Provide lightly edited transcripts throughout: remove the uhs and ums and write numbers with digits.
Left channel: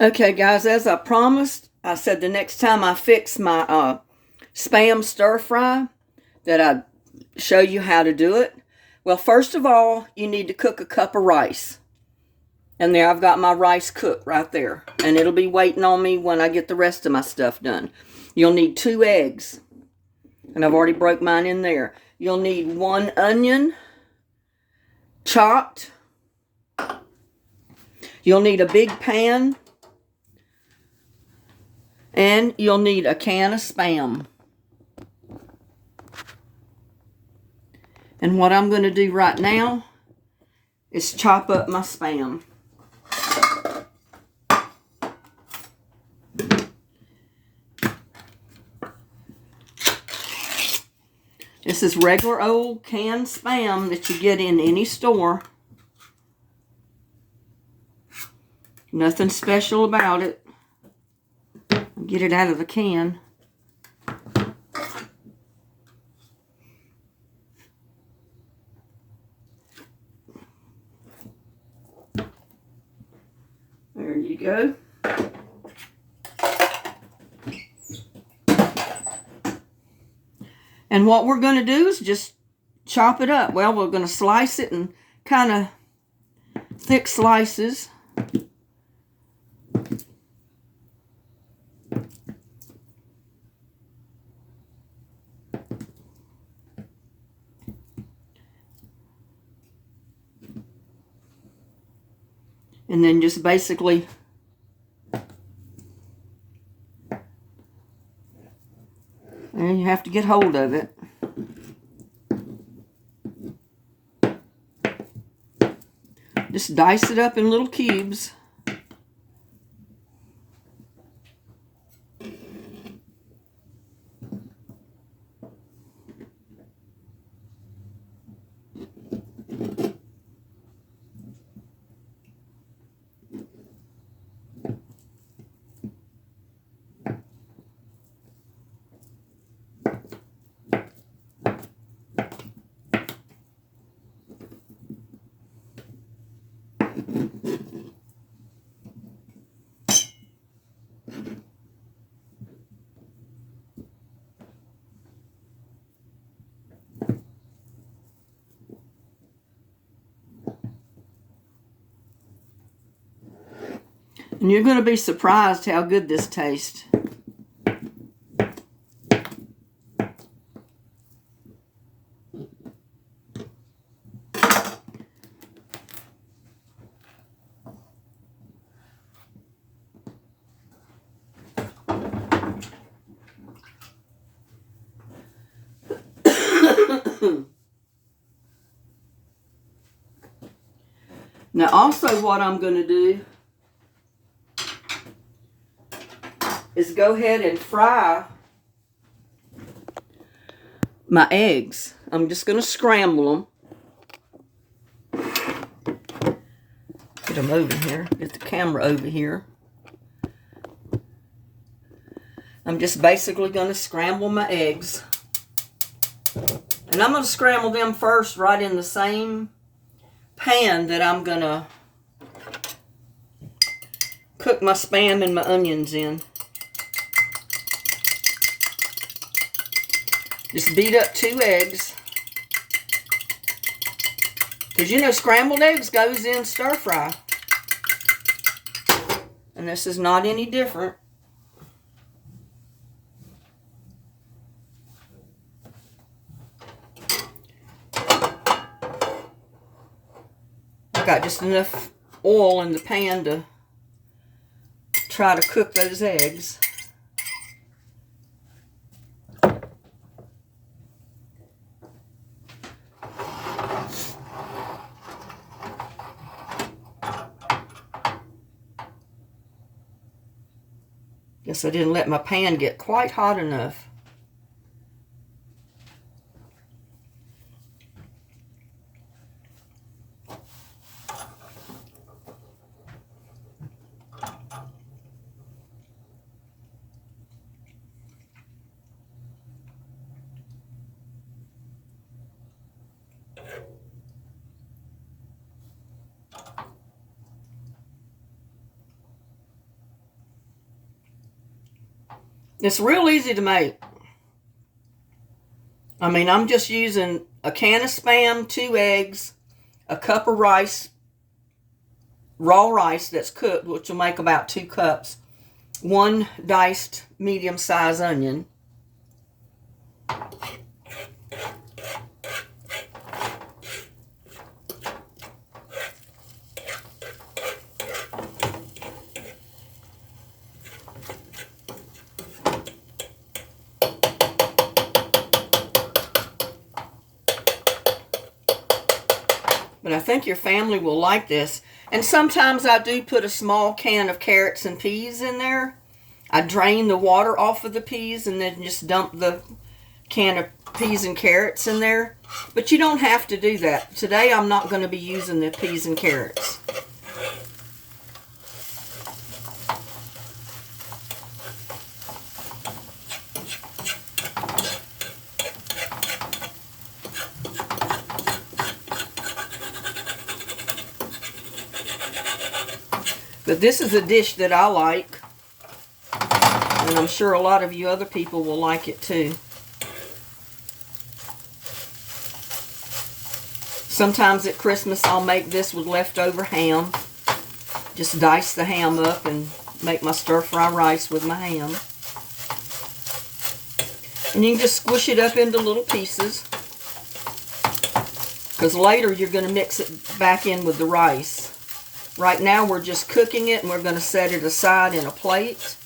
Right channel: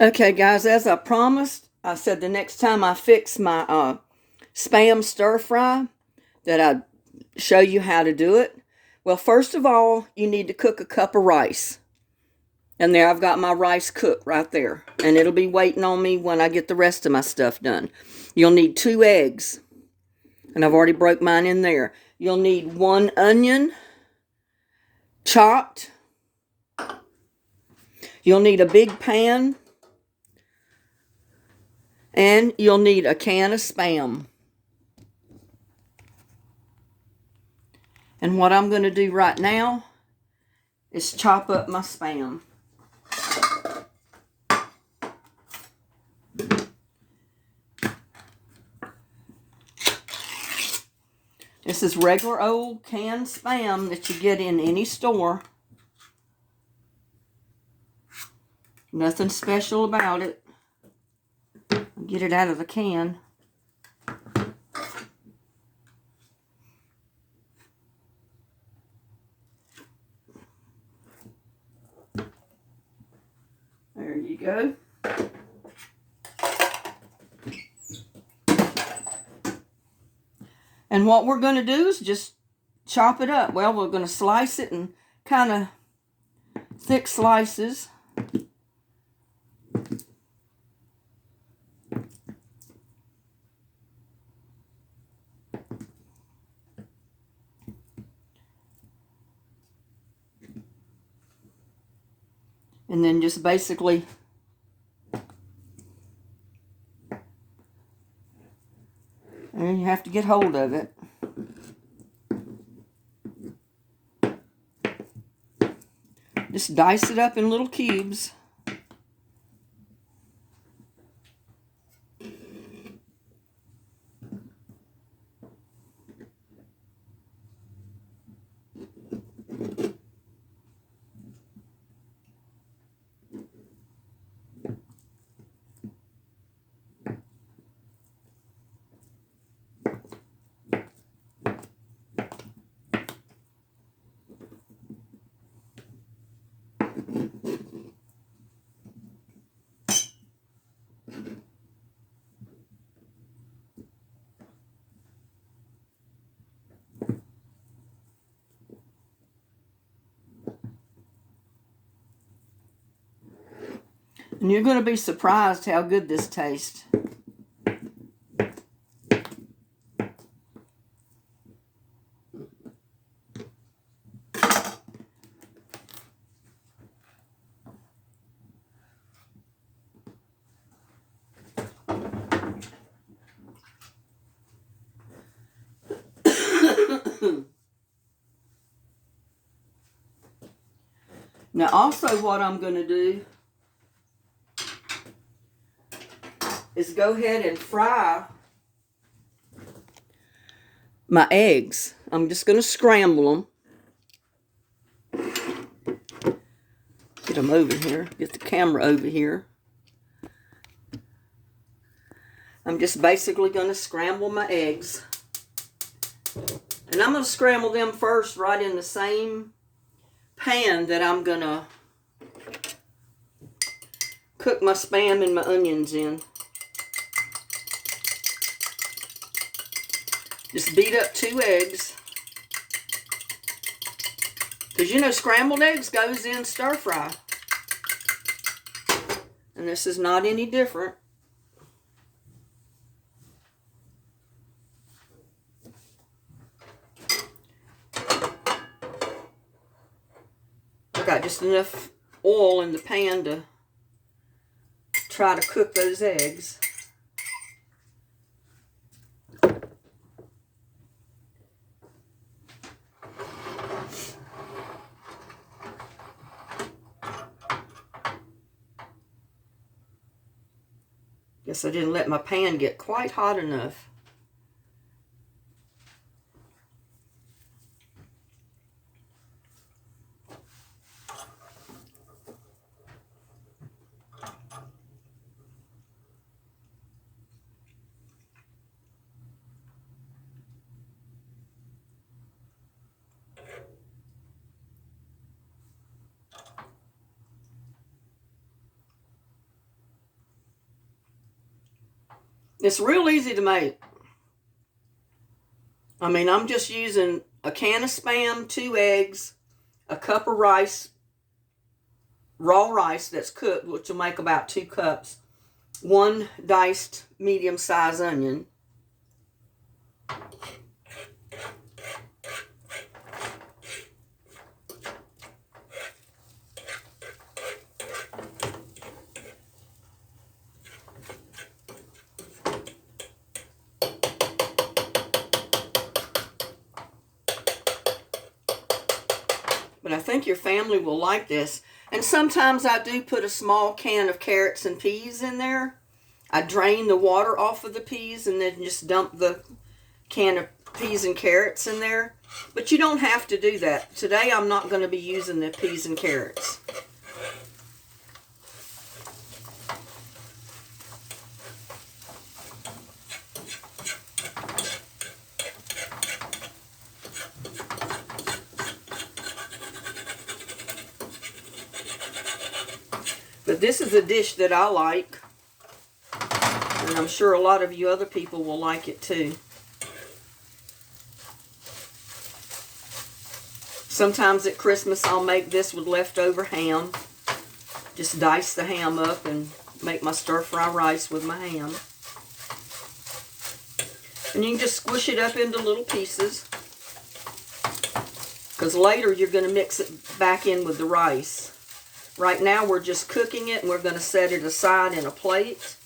Okay, guys, as I promised, I said the next time I fix my Spam stir fry that I'd show you how to do it. Well, first of all, you need to cook a cup of rice. And there I've got my rice cooked right there. And it'll be waiting on me when I get the rest of my stuff done. You'll need 2 eggs. And I've already broke mine in there. You'll need 1 onion, chopped. You'll need a big pan. And you'll need a can of Spam. And what I'm going to do right now is chop up my Spam. This is regular old canned Spam that you get in any store. Nothing special about it. I'll get it out of the can. There you go. And what we're going to do is just chop it up. Well, we're going to slice it in kind of thick slices. And then just basically and you have to get hold of it. Just dice it up in little cubes. And you're going to be surprised how good this tastes. Now also what I'm going to do is go ahead and fry my eggs. I'm just going to scramble them. Get them over here. Get the camera over here. I'm just basically going to scramble my eggs. And I'm going to scramble them first right in the same pan that I'm going to cook my Spam and my onions in. Just beat up 2 eggs. Because you know scrambled eggs goes in stir fry. And this is not any different. I've got just enough oil in the pan to try to cook those eggs. Guess I didn't let my pan get quite hot enough. It's real easy to make. I mean, I'm just using a can of Spam, 2 eggs, a cup of rice, raw rice that's cooked, which will make about 2 cups, 1 diced medium-sized onion, but I think your family will like this. And sometimes I do put a small can of carrots and peas in there. I drain the water off of the peas and then just dump the can of peas and carrots in there. But you don't have to do that. Today I'm not going to be using the peas and carrots. But this is a dish that I like, and I'm sure a lot of you other people will like it too. Sometimes at Christmas I'll make this with leftover ham. Just dice the ham up and make my stir-fry rice with my ham. And you can just squish it up into little pieces, because later you're going to mix it back in with the rice. Right now we're just cooking it, and we're going to set it aside in a plate.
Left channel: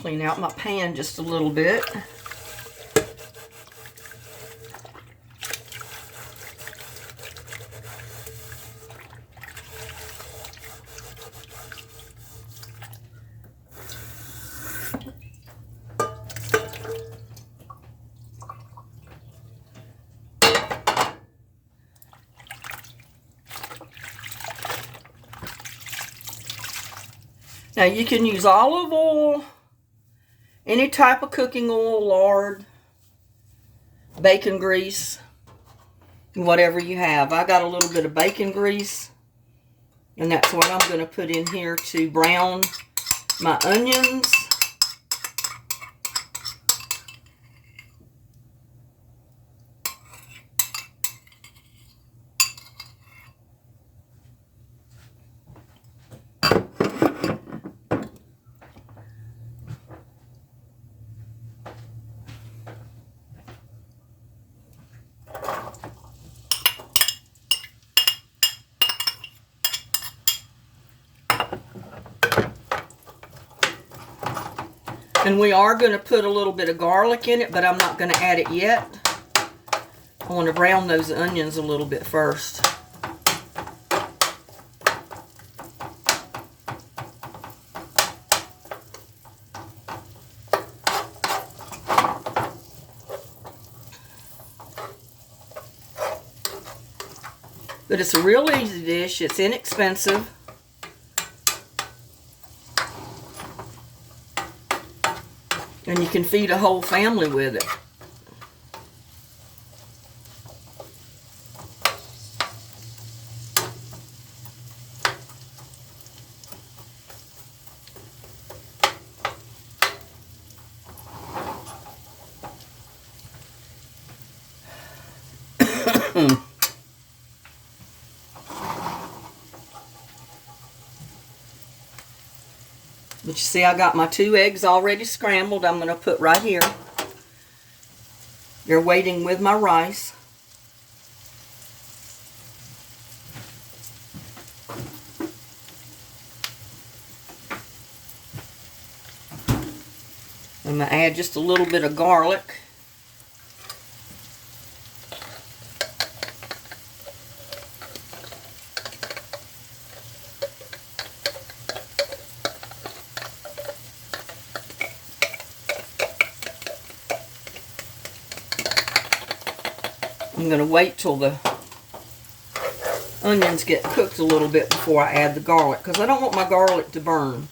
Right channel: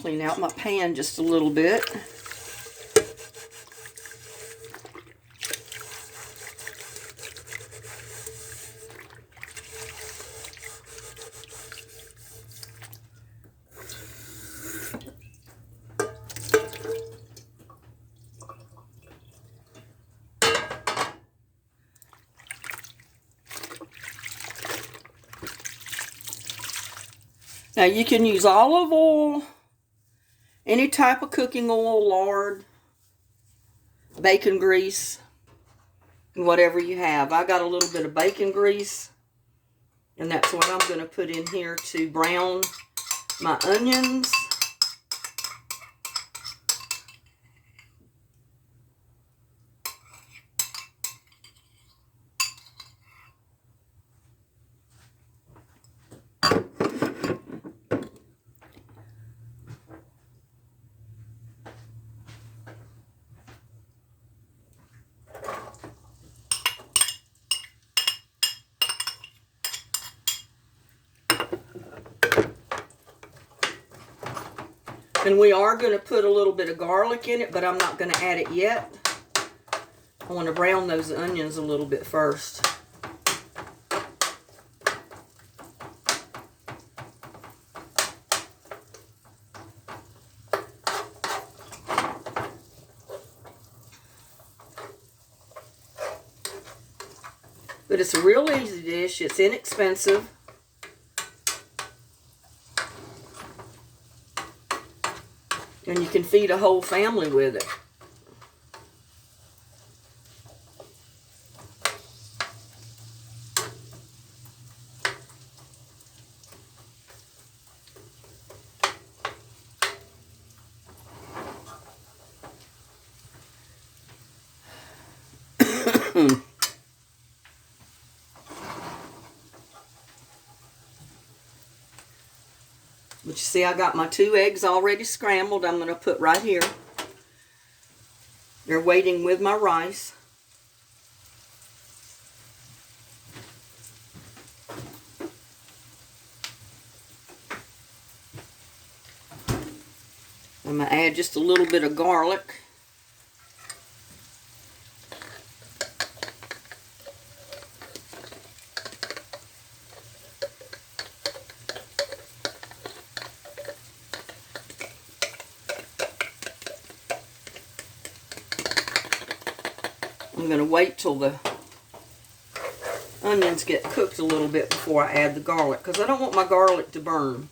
Clean out my pan just a little bit. Now you can use olive oil, any type of cooking oil, lard, bacon grease, whatever you have. I got a little bit of bacon grease, and that's what I'm going to put in here to brown my onions. And we are going to put a little bit of garlic in it, but I'm not going to add it yet. I want to brown those onions a little bit first. But it's a real easy dish. It's inexpensive. And you can feed a whole family with it. But you see, I got my 2 eggs already scrambled. I'm going to put right here. They're waiting with my rice. I'm going to add just a little bit of garlic. I'm going to wait till the onions get cooked a little bit before I add the garlic, because I don't want my garlic to burn.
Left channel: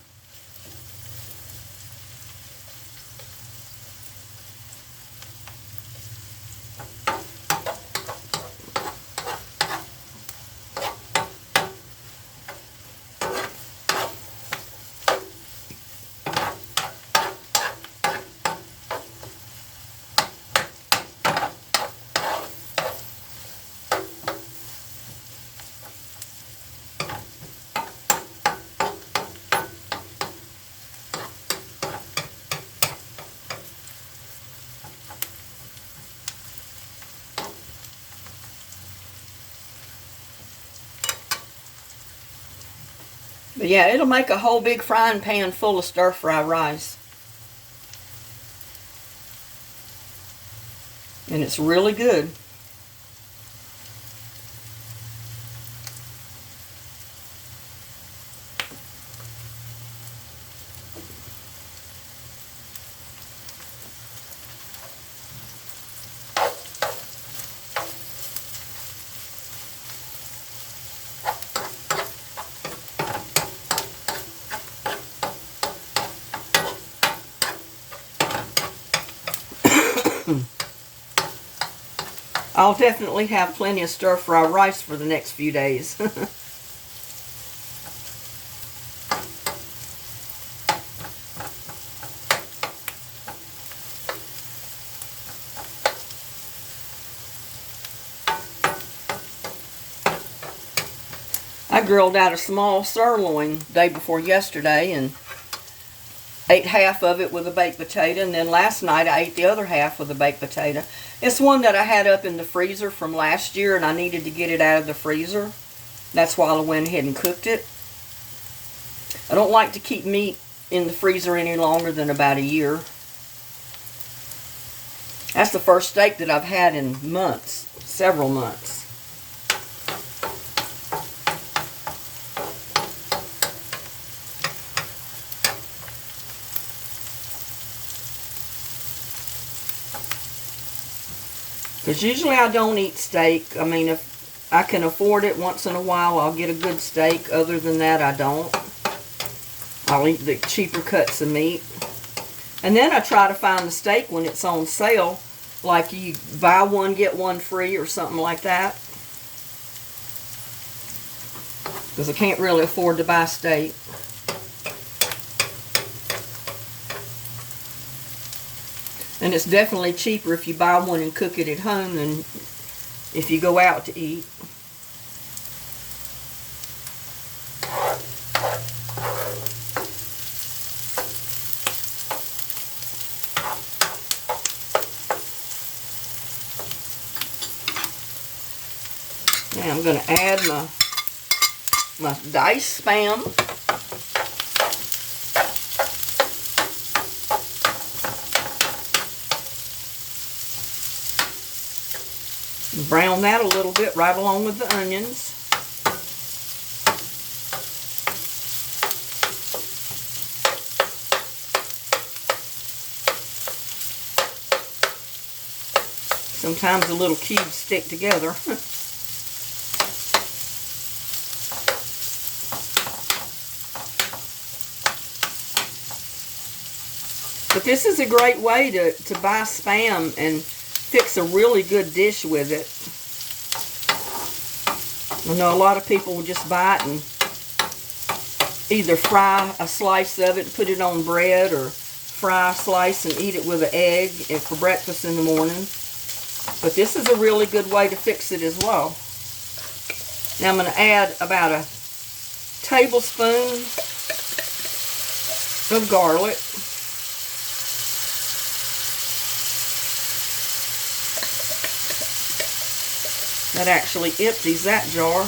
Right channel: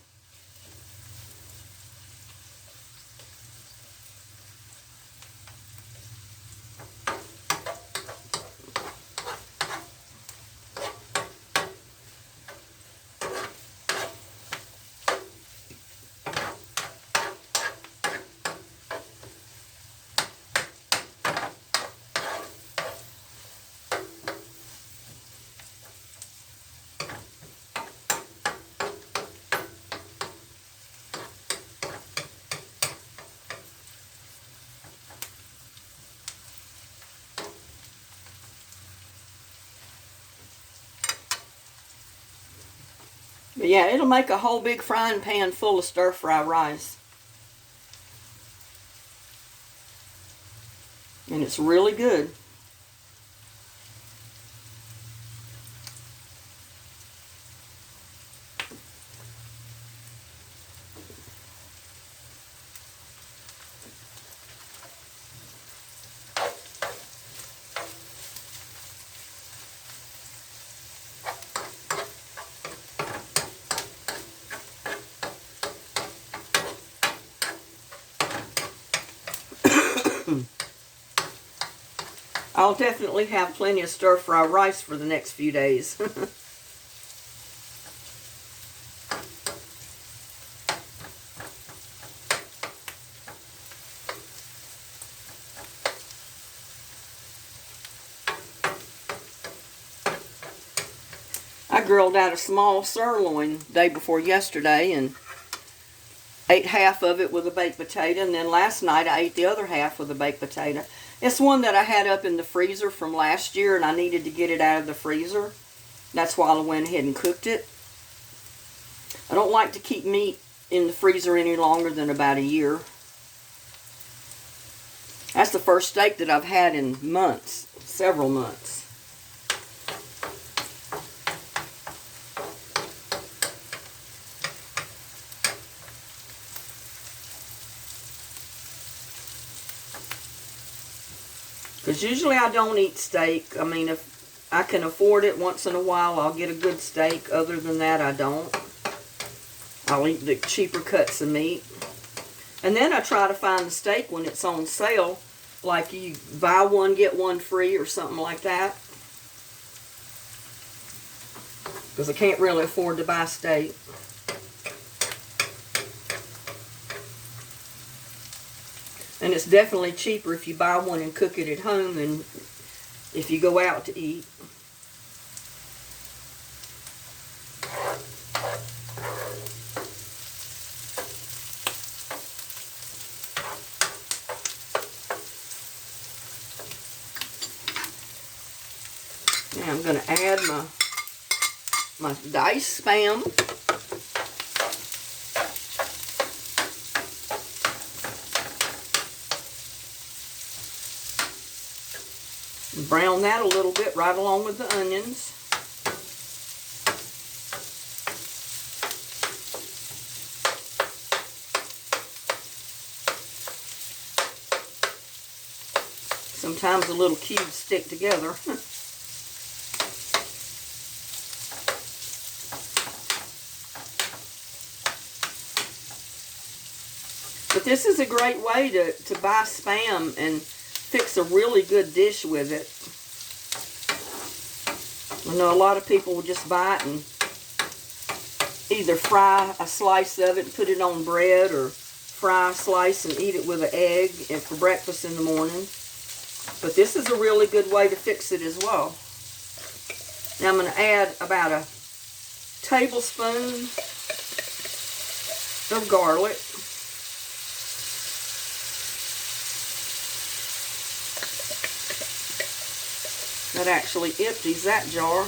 But yeah, it'll make a whole big frying pan full of stir-fry rice. And it's really good. I'll definitely have plenty of stir-fry rice for the next few days. I grilled out a small sirloin the day before yesterday and ate half of it with a baked potato, and then last night I ate the other half with a baked potato. It's one that I had up in the freezer from last year, and I needed to get it out of the freezer. That's why I went ahead and cooked it. I don't like to keep meat in the freezer any longer than about a year. That's the first steak that I've had in months, several months. Because usually I don't eat steak. I mean, if I can afford it once in a while, I'll get a good steak. Other than that, I don't. I'll eat the cheaper cuts of meat. And then I try to find the steak when it's on sale. Like you buy one, get one free or something like that. Because I can't really afford to buy steak. And it's definitely cheaper if you buy one and cook it at home than if you go out to eat. Now I'm going to add my diced Spam. Brown that a little bit right along with the onions. Sometimes the little cubes stick together. But this is a great way to buy Spam and fix a really good dish with it. I know a lot of people will just buy it and either fry a slice of it and put it on bread, or fry a slice and eat it with an egg for breakfast in the morning. But this is a really good way to fix it as well. Now I'm going to add about a tablespoon of garlic. That actually empties that jar.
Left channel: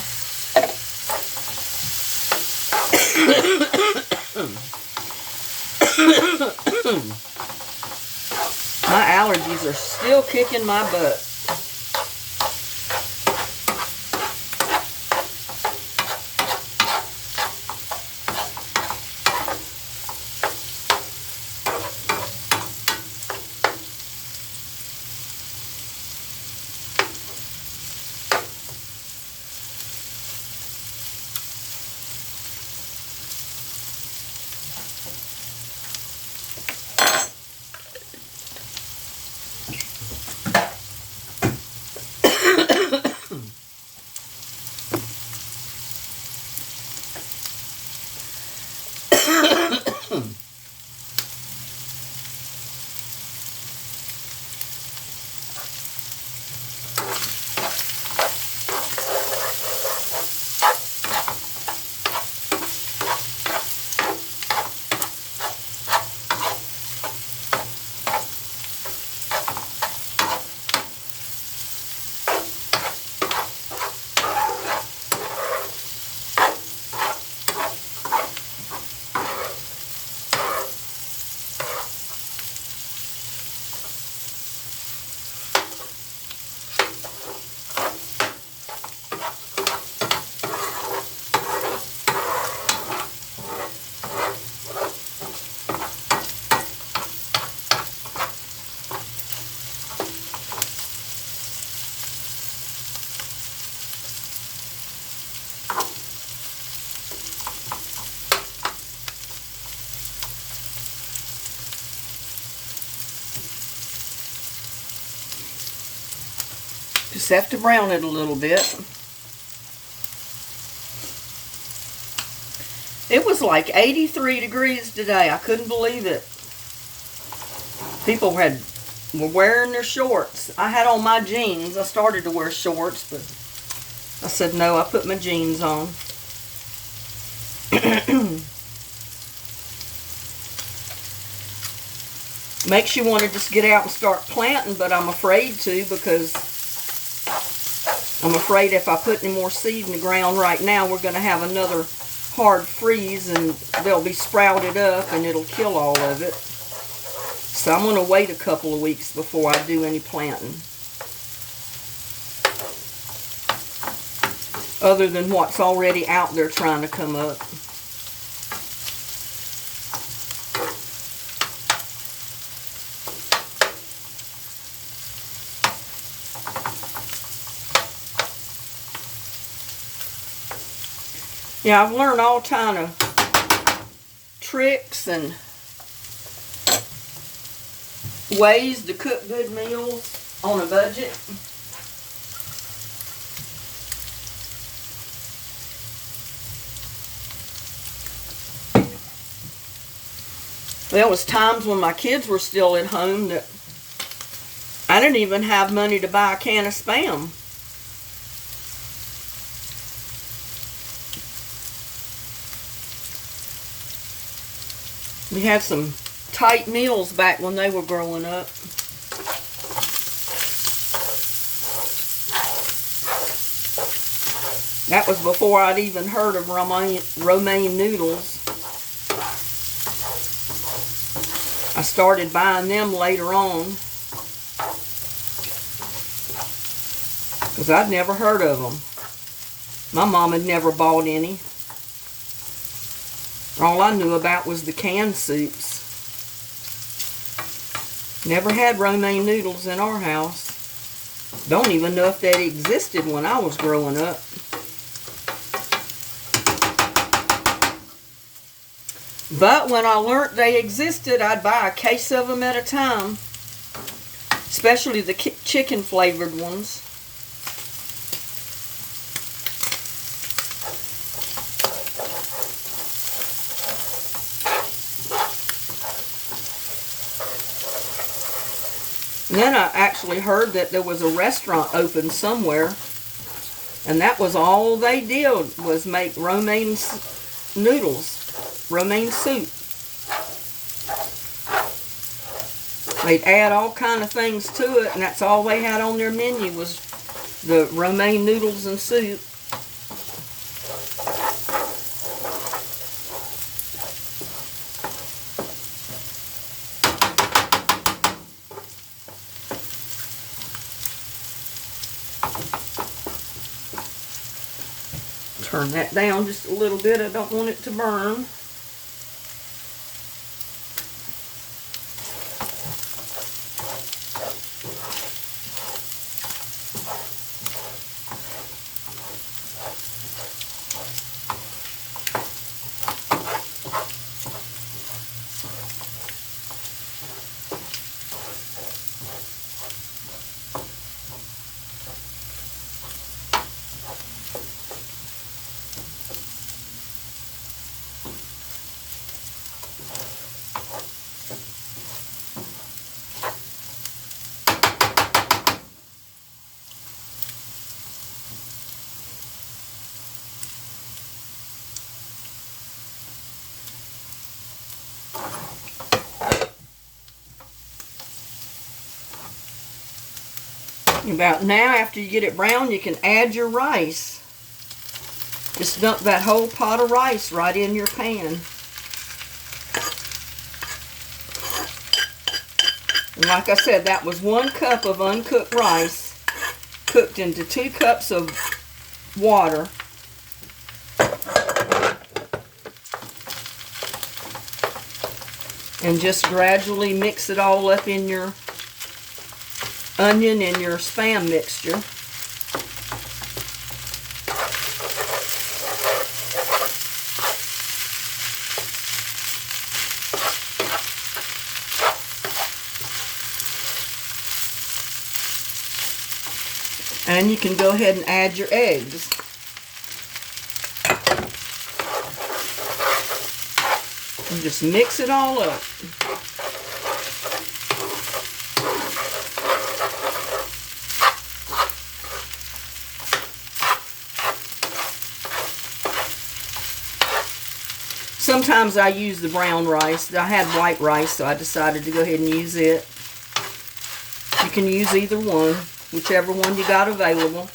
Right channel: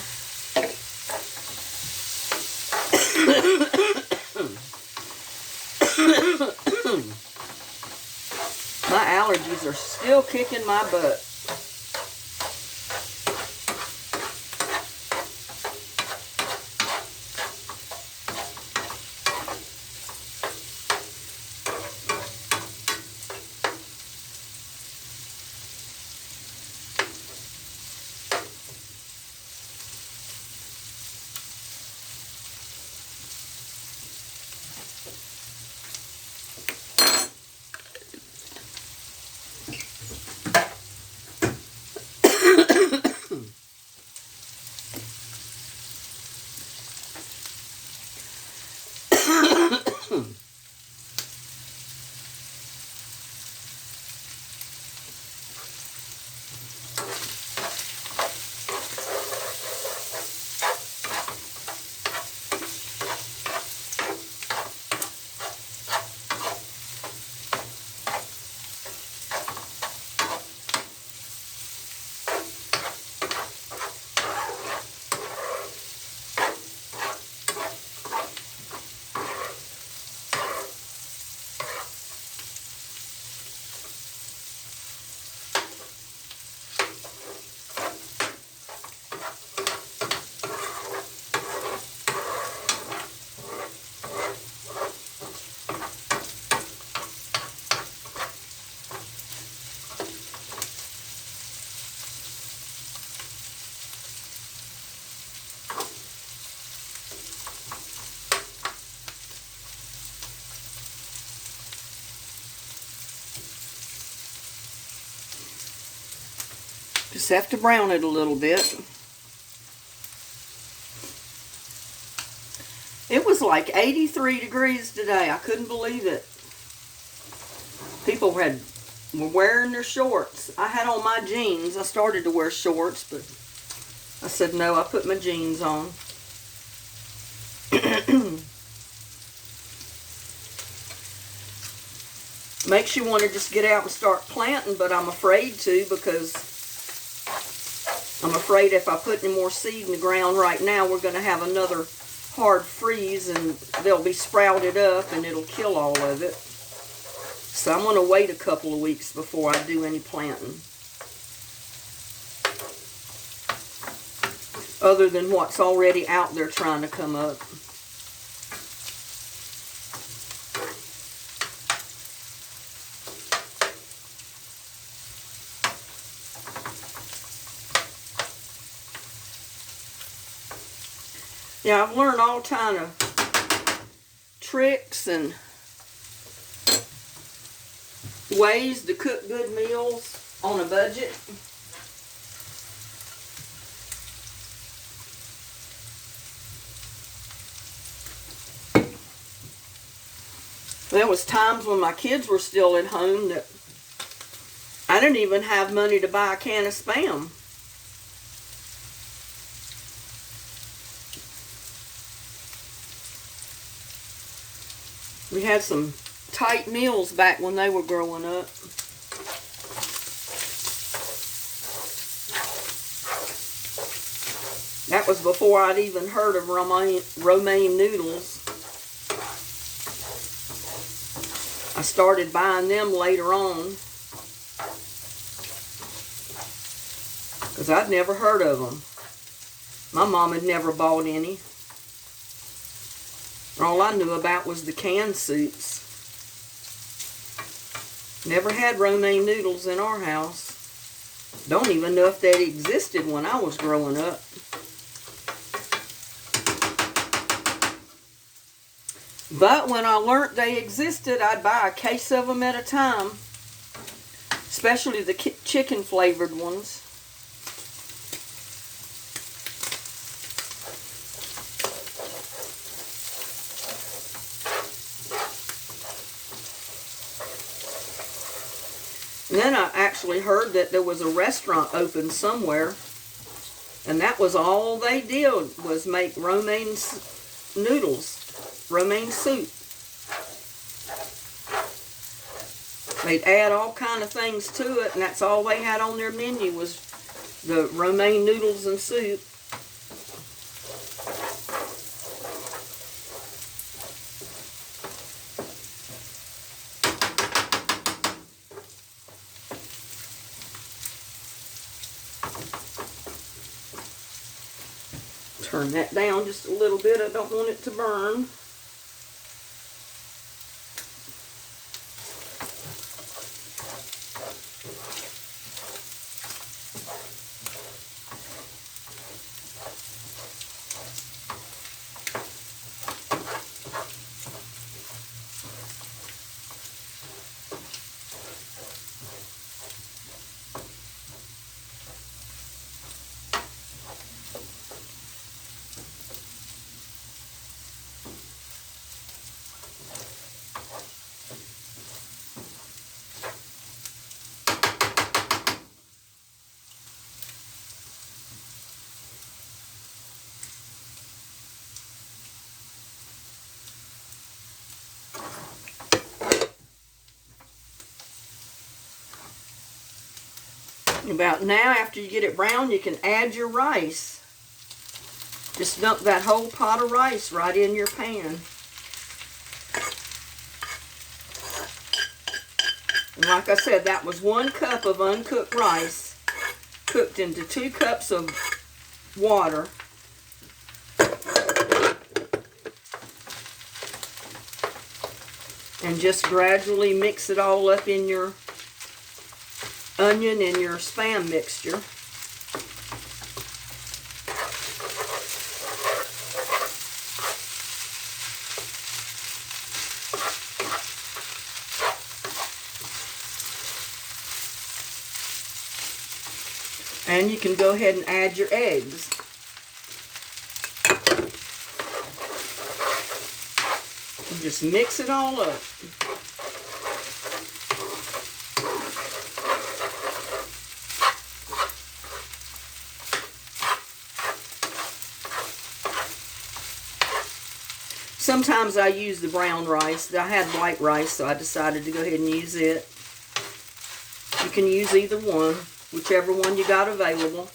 My allergies are still kicking my butt. Just have to brown it a little bit. It was like 83 degrees today. I couldn't believe it. People were wearing their shorts. I had on my jeans. I started to wear shorts, but I said no, I put my jeans on. Makes you want to just get out and start planting, but I'm afraid to, because I'm afraid if I put any more seed in the ground right now, we're going to have another hard freeze and they'll be sprouted up and it'll kill all of it. So I'm going to wait a couple of weeks before I do any planting. Other than what's already out there trying to come up. Yeah, I've learned all kind of tricks and ways to cook good meals on a budget. There was times when my kids were still at home that I didn't even have money to buy a can of Spam. We had some tight meals back when they were growing up. That was before I'd even heard of romaine noodles. I started buying them later on, because I'd never heard of them. My mom had never bought any. All I knew about was the canned soups. Never had romaine noodles in our house. Don't even know if they existed when I was growing up. But when I learned they existed, I'd buy a case of them at a time. Especially the chicken flavored ones. And then I actually heard that there was a restaurant open somewhere, and that was all they did was make romaine noodles, romaine soup. They'd add all kind of things to it, and that's all they had on their menu was the romaine noodles and soup. Turn that down just a little bit. I don't want it to burn. About now, after you get it brown, you can add your rice. Just dump that whole pot of rice right in your pan. And like I said, that was 1 cup of uncooked rice cooked into 2 cups of water. And just gradually mix it all up in your onion and your Spam mixture. And you can go ahead and add your eggs. And just mix it all up. Sometimes I use the brown rice. I had white rice, so I decided to go ahead and use it. You can use either one, whichever one you got available.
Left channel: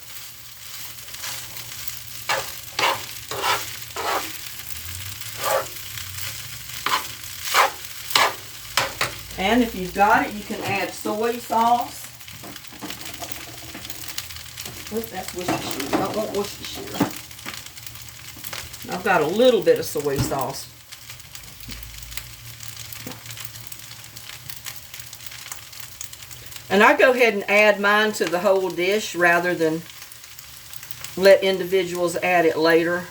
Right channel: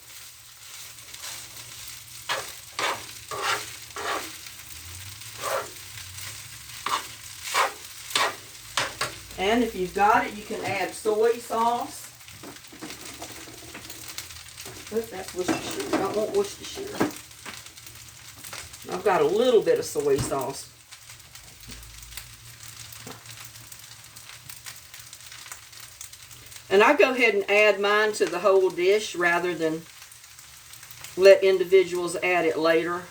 And if you've got it, you can add soy sauce. Oops, that's Worcestershire. I don't want Worcestershire. I've got a little bit of soy sauce. And I go ahead and add mine to the whole dish rather than let individuals add it later.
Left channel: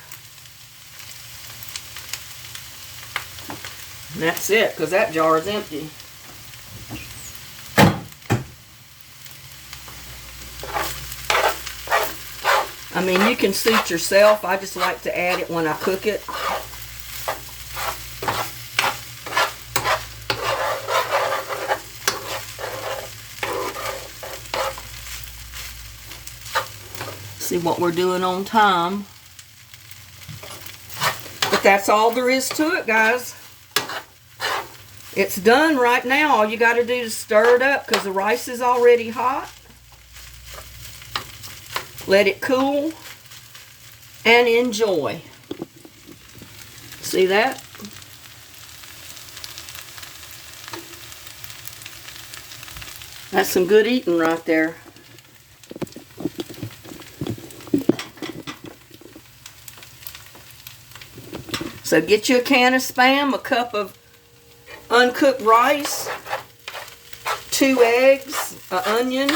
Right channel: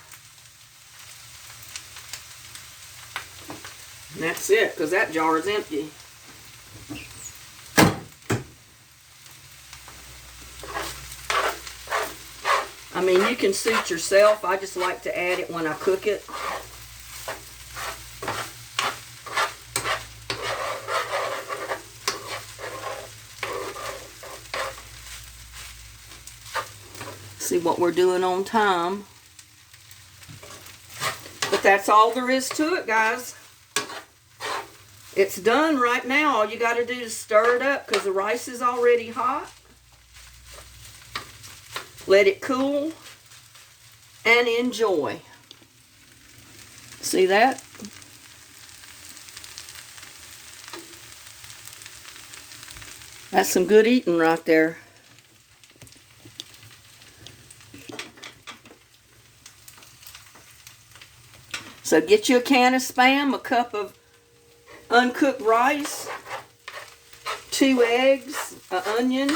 And that's it, because that jar is empty. I mean, you can suit yourself. I just like to add it when I cook it. See what we're doing on time. But that's all there is to it, guys. It's done right now. All you got to do is stir it up because the rice is already hot. Let it cool and enjoy. See that? That's some good eating right there. So get you a can of Spam, a cup of uncooked rice, 2 eggs, an onion,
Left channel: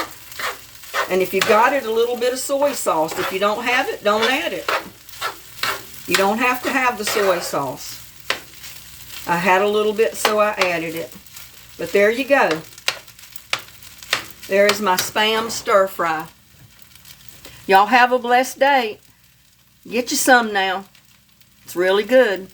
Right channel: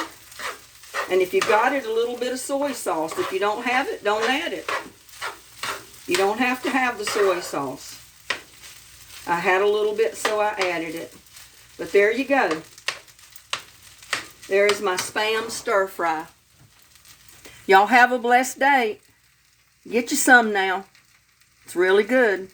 and if you got it, a little bit of soy sauce. If you don't have it, don't add it. You don't have to have the soy sauce. I had a little bit, so I added it. But there you go. There's my Spam stir fry. Y'all have a blessed day. Get you some now. It's really good.